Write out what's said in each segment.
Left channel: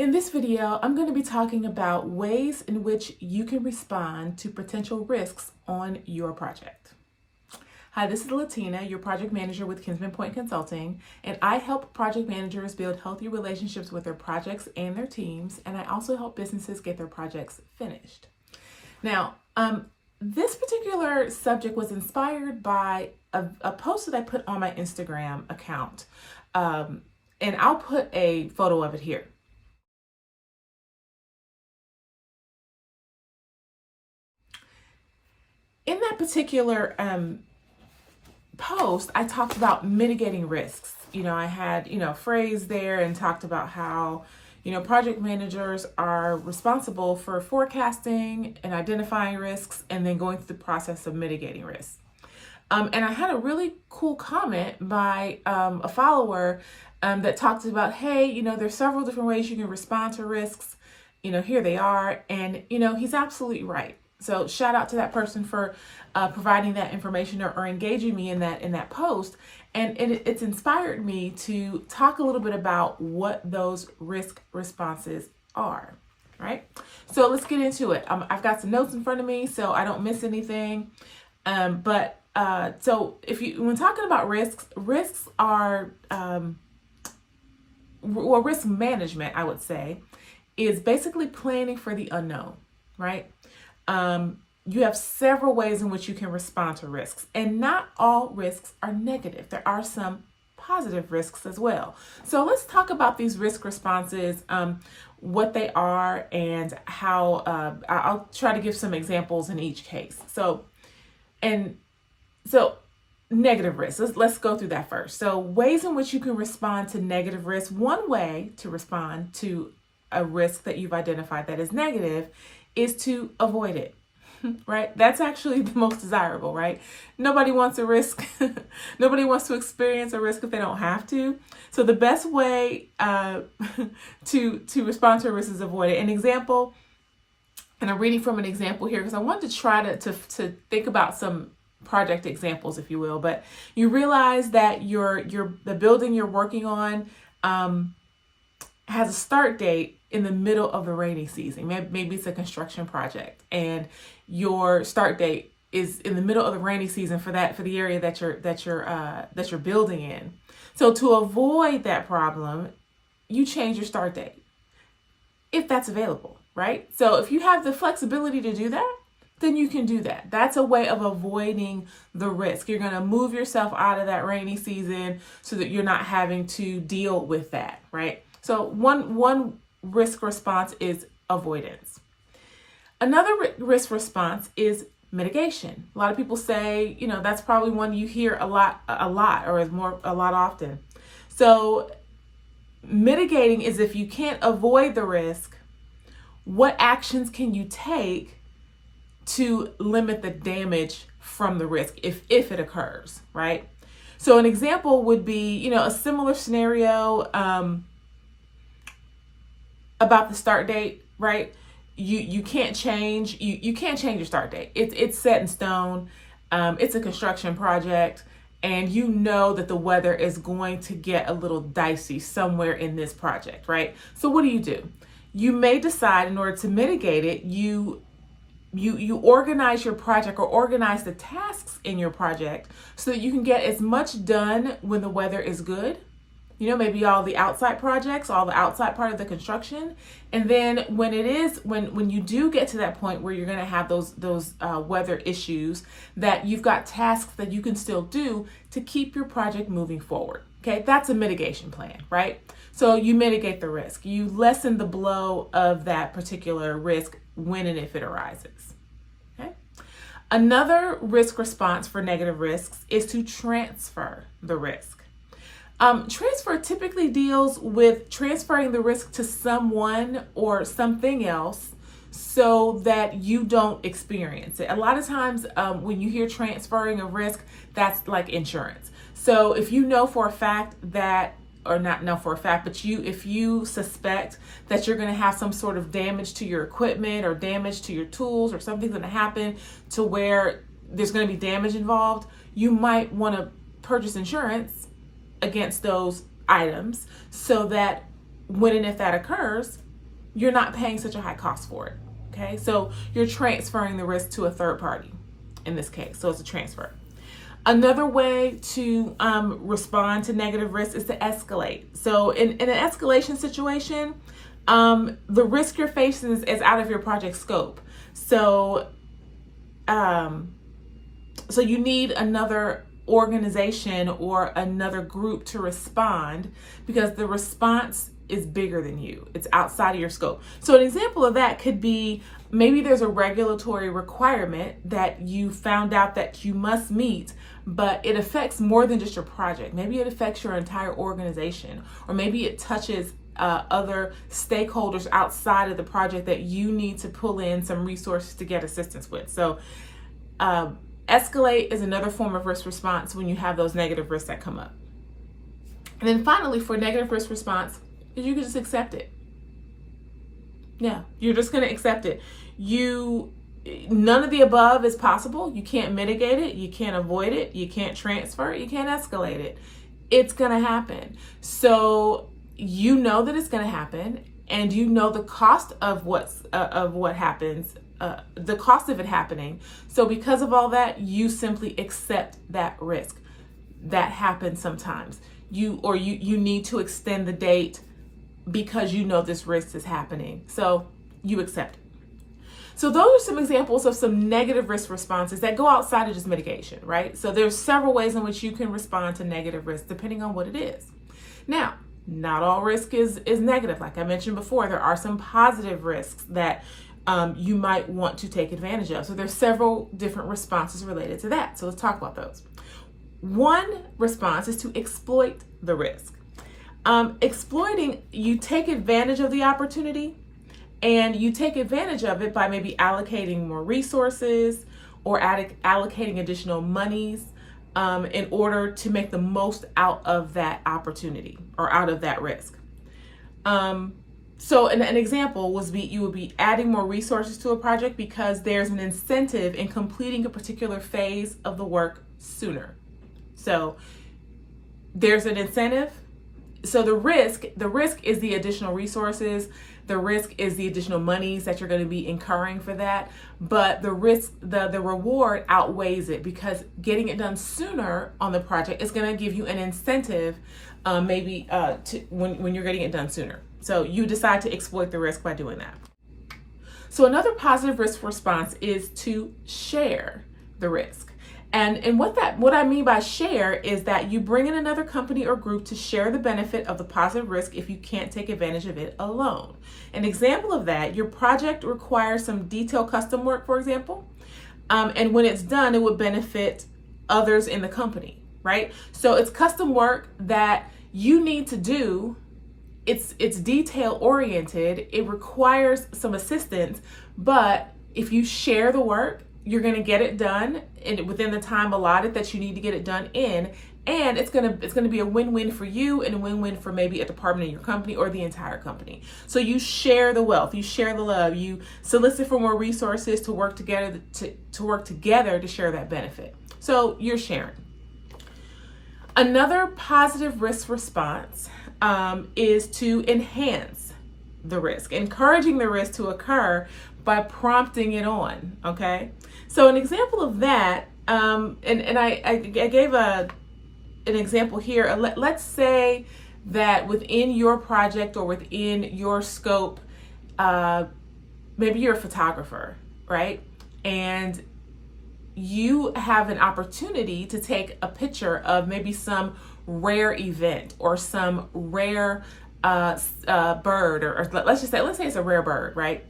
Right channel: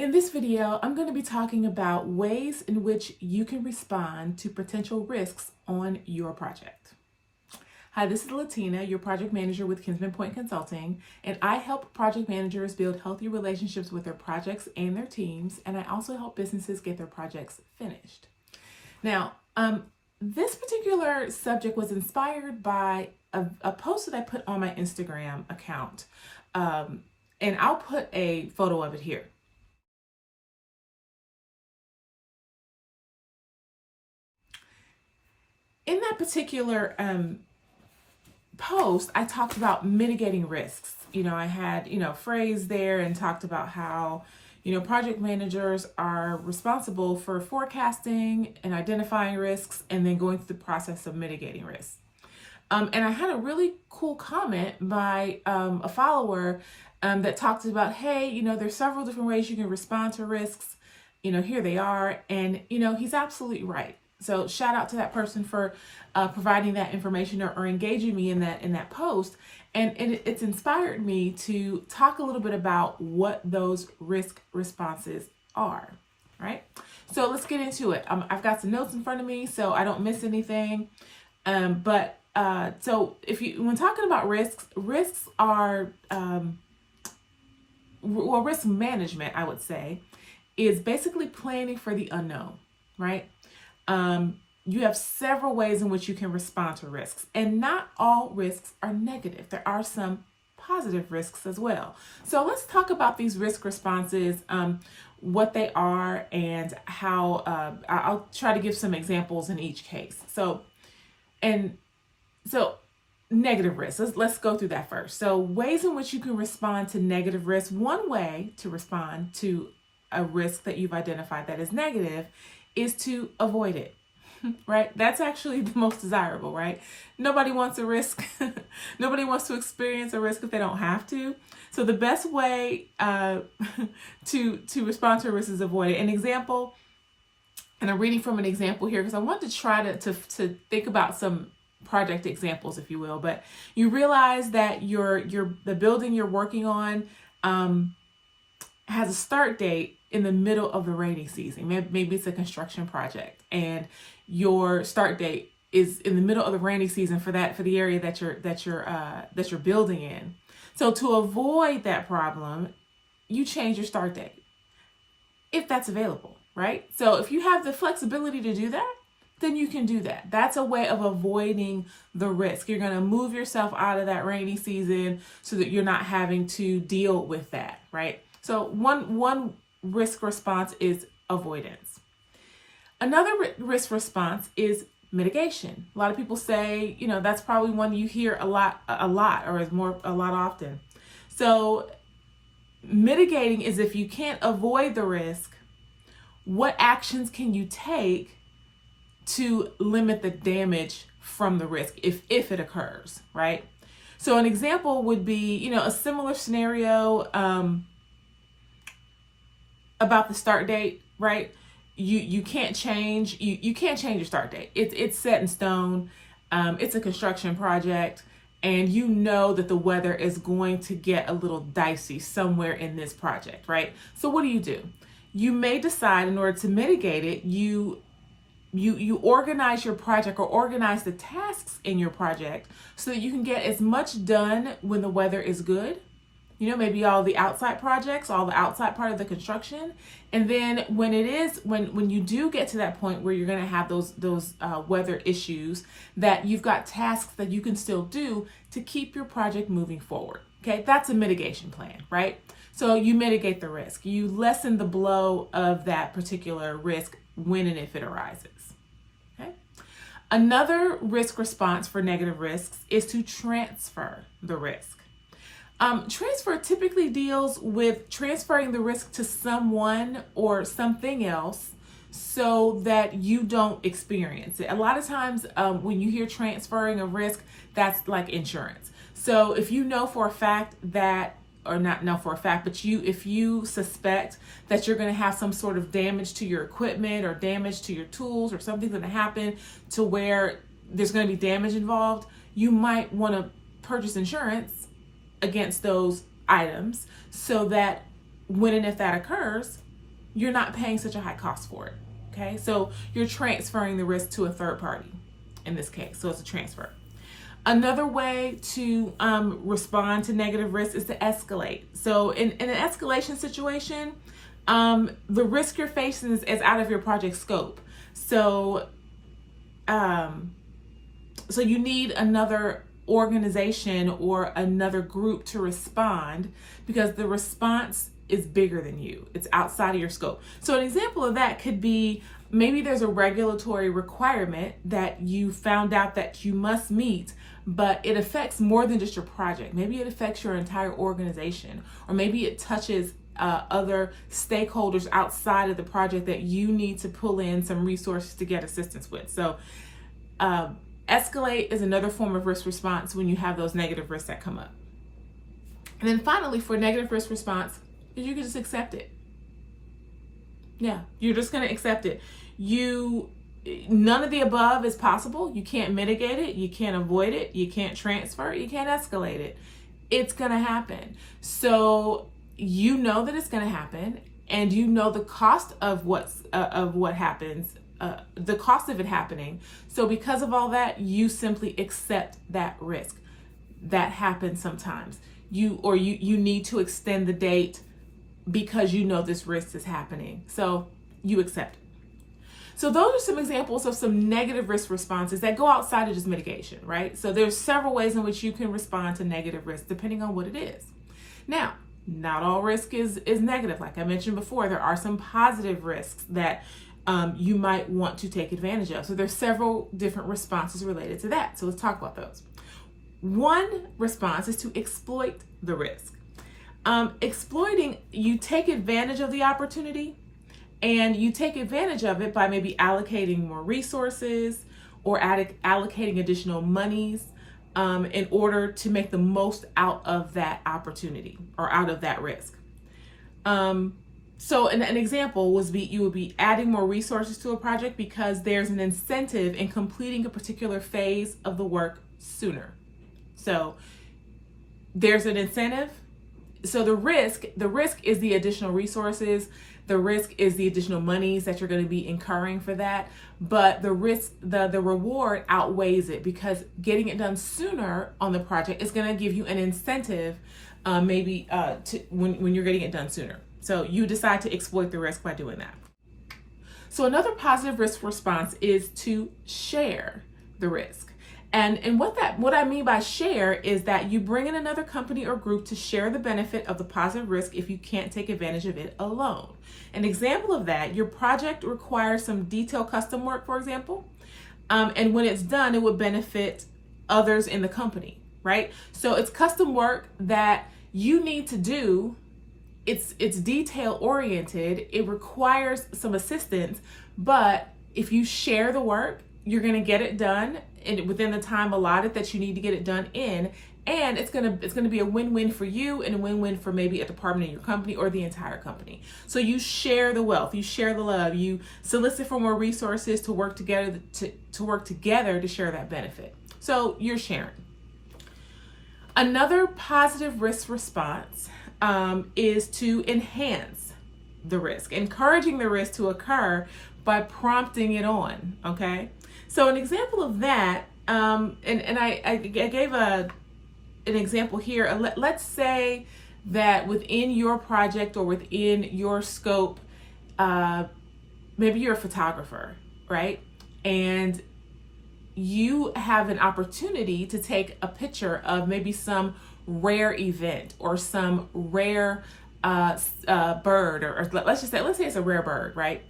In this video, I'm going to be talking about ways in which you can respond to potential risks on your project. Hi, this is Latina, your project manager with Kinsman Point Consulting, and I help project managers build healthy relationships with their projects and their teams, and I also help businesses get their projects finished. Now, this particular subject was inspired by a post that I put on my Instagram account, and I'll put a photo of it here. In that particular post, I talked about mitigating risks. I had, a phrase there and talked about how, project managers are responsible for forecasting and identifying risks and then going through the process of mitigating risks. And I had a really cool comment by a follower that talked about, hey, there's several different ways you can respond to risks. Here they are. And, he's absolutely right. So shout out to that person for providing that information or engaging me in that post. And it's inspired me to talk a little bit about what those risk responses are, right? So let's get into it. I've got some notes in front of me so I don't miss anything. So when talking about risks are, risk management, I would say, is basically planning for the unknown, right? You have several ways in which you can respond to risks, and not all risks are negative. There are some positive risks as well. So let's talk about these risk responses, what they are, and how I'll try to give some examples in each case. So negative risks, let's go through that first. So ways in which you can respond to negative risks. One way to respond to a risk that you've identified that is negative is to avoid it, right? That's actually the most desirable, right? Nobody wants a risk. Nobody wants to experience a risk if they don't have to. So the best way to respond to a risk is avoid it. An example, and I'm reading from an example here because I wanted to try to think about some project examples, if you will. But you realize that the building you're working on has a start date in the middle of the rainy season. Maybe it's a construction project and your start date is in the middle of the rainy season for the area that you're building in. So to avoid that problem, you change your start date if that's available, right? So if you have the flexibility to do that, then you can do that. That's a way of avoiding the risk. You're going to move yourself out of that rainy season so that you're not having to deal with that, right? So one risk response is avoidance. Another risk response is mitigation. A lot of people say, that's probably one you hear a lot, or is a lot often. So mitigating is if you can't avoid the risk, what actions can you take to limit the damage from the risk if it occurs, right? So an example would be, a similar scenario about the start date, right? You can't change you can't change your start date. It's set in stone. It's a construction project, and you know that the weather is going to get a little dicey somewhere in this project, right? So what do? You may decide, in order to mitigate it, you organize your project or organize the tasks in your project so that you can get as much done when the weather is good. Maybe all the outside projects, all the outside part of the construction. And then when you do get to that point where you're going to have those weather issues, that you've got tasks that you can still do to keep your project moving forward. Okay, that's a mitigation plan, right? So you mitigate the risk. You lessen the blow of that particular risk when and if it arises. Okay. Another risk response for negative risks is to transfer the risk. Transfer typically deals with transferring the risk to someone or something else so that you don't experience it. A lot of times when you hear transferring a risk, that's like insurance. So if you know for a fact that, or not know for a fact, but if you suspect that you're going to have some sort of damage to your equipment or damage to your tools, or something's going to happen to where there's going to be damage involved, you might want to purchase insurance against those items so that when and if that occurs, you're not paying such a high cost for it. Okay, so you're transferring the risk to a third party in this case. So it's a transfer. Another way to respond to negative risk is to escalate. So in an escalation situation, the risk you're facing is out of your project scope. So, so you need another organization or another group to respond because the response is bigger than you. It's outside of your scope. So an example of that could be maybe there's a regulatory requirement that you found out that you must meet, but it affects more than just your project. Maybe it affects your entire organization, or maybe it touches other stakeholders outside of the project that you need to pull in some resources to get assistance with. So escalate is another form of risk response when you have those negative risks that come up. And then finally, for negative risk response, you can just accept it. Yeah, you're just going to accept it. None of the above is possible. You can't mitigate it. You can't avoid it. You can't transfer it. You can't escalate it. It's going to happen. So you know that it's going to happen, and you know the cost of what happens, the cost of it happening. So because of all that, you simply accept that risk. That happens sometimes. You need to extend the date because you know this risk is happening. So you accept it. So those are some examples of some negative risk responses that go outside of just mitigation, right? So there's several ways in which you can respond to negative risk depending on what it is. Now, not all risk is negative. Like I mentioned before, there are some positive risks that you might want to take advantage of. So there's several different responses related to that. So let's talk about those. One response is to exploit the risk. Exploiting, you take advantage of the opportunity, and you take advantage of it by maybe allocating more resources or allocating additional monies in order to make the most out of that opportunity or out of that risk. So an example you would be adding more resources to a project because there's an incentive in completing a particular phase of the work sooner. So there's an incentive. So the risk is the additional resources. The risk is the additional monies that you're going to be incurring for that. But the risk, the reward outweighs it because getting it done sooner on the project is going to give you an incentive, when you're getting it done sooner. So you decide to exploit the risk by doing that. So another positive risk response is to share the risk. And what I mean by share is that you bring in another company or group to share the benefit of the positive risk if you can't take advantage of it alone. An example of that, your project requires some detailed custom work, for example, and when it's done, it would benefit others in the company, right? So it's custom work that you need to do. It's detail oriented. It requires some assistance, but if you share the work, you're going to get it done within the time allotted that you need to get it done in, and it's going to be a win-win for you and a win-win for maybe a department in your company or the entire company. So you share the wealth, you share the love, you solicit for more resources to work together to share that benefit. So you're sharing. Another positive risk response is to enhance the risk, encouraging the risk to occur by prompting it on. Okay. So an example of that, and I gave an example here. Let's say that within your project or within your scope, maybe you're a photographer, right? And you have an opportunity to take a picture of maybe some rare event or some rare bird, or let's say it's a rare bird, right?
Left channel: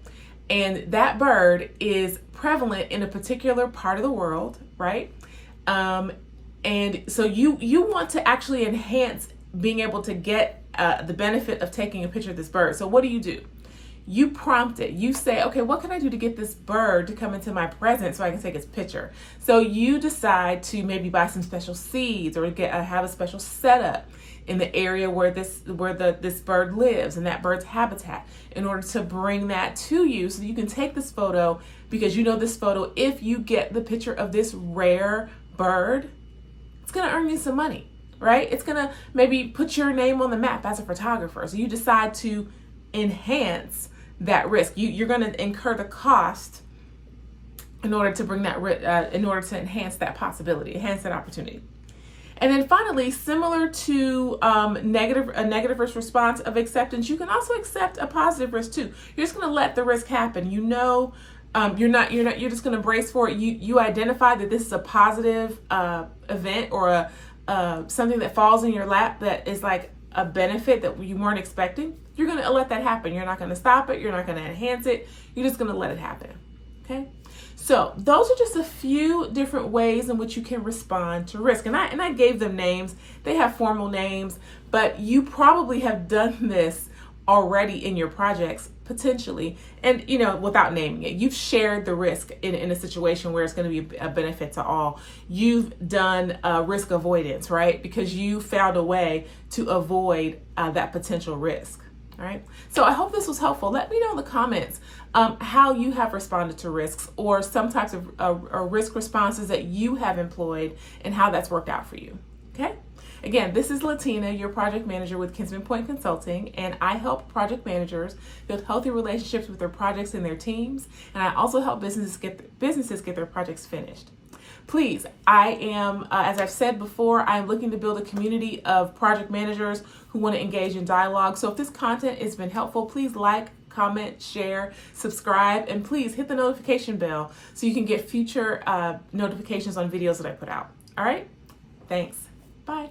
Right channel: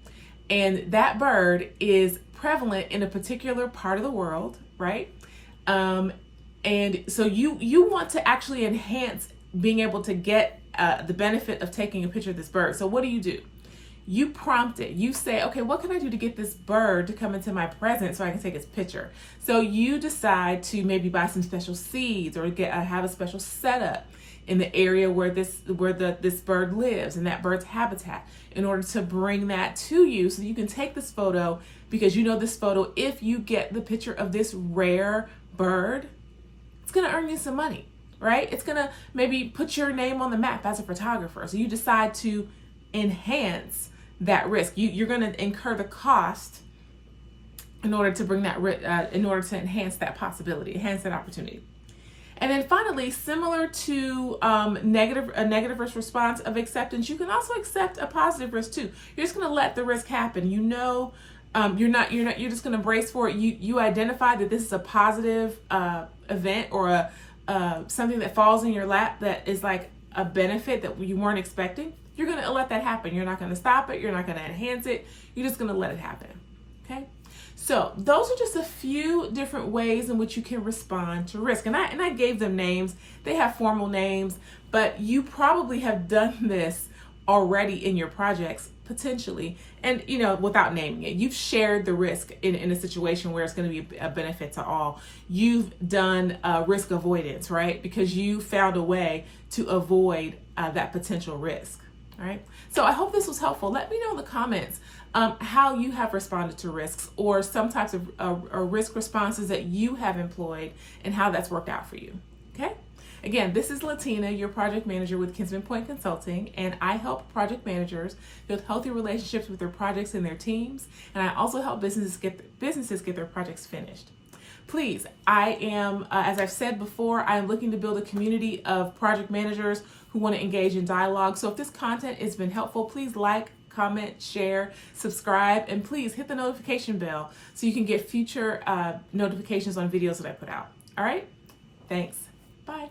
And that bird is prevalent in a particular part of the world, right? And so you want to actually enhance being able to get the benefit of taking a picture of this bird. So what do? You prompt it. You say, okay, what can I do to get this bird to come into my presence so I can take its picture? So you decide to maybe buy some special seeds or have a special setup in the area where this bird lives, in that bird's habitat, in order to bring that to you so you can take this photo, because you know this photo, if you get the picture of this rare bird, it's going to earn you some money, right? It's going to maybe put your name on the map as a photographer. So you decide to enhance that risk. You're going to incur the cost in order to bring that, in order to enhance that possibility, enhance that opportunity. And then finally, similar to a negative risk response of acceptance, you can also accept a positive risk too. You're just going to let the risk happen. You're just going to brace for it. You identify that this is a positive event or something that falls in your lap that is like a benefit that you weren't expecting. You're going to let that happen. You're not going to stop it. You're not going to enhance it. You're just going to let it happen. Okay. So those are just a few different ways in which you can respond to risk. And I gave them names. They have formal names, but you probably have done this already in your projects potentially, and without naming it. You've shared the risk in a situation where it's going to be a benefit to all. You've done risk avoidance, right? Because you found a way to avoid that potential risk. All right. So I hope this was helpful. Let me know in the comments how you have responded to risks, or some types of risk responses that you have employed, and how that's worked out for you. Okay. Again, this is Latina, your project manager with Kinsman Point Consulting, and I help project managers build healthy relationships with their projects and their teams, and I also help businesses get their projects finished. Please, I am, as I've said before, I am looking to build a community of project managers who want to engage in dialogue. So if this content has been helpful, please like, comment, share, subscribe, and please hit the notification bell so you can get future notifications on videos that I put out. All right? Thanks. Bye.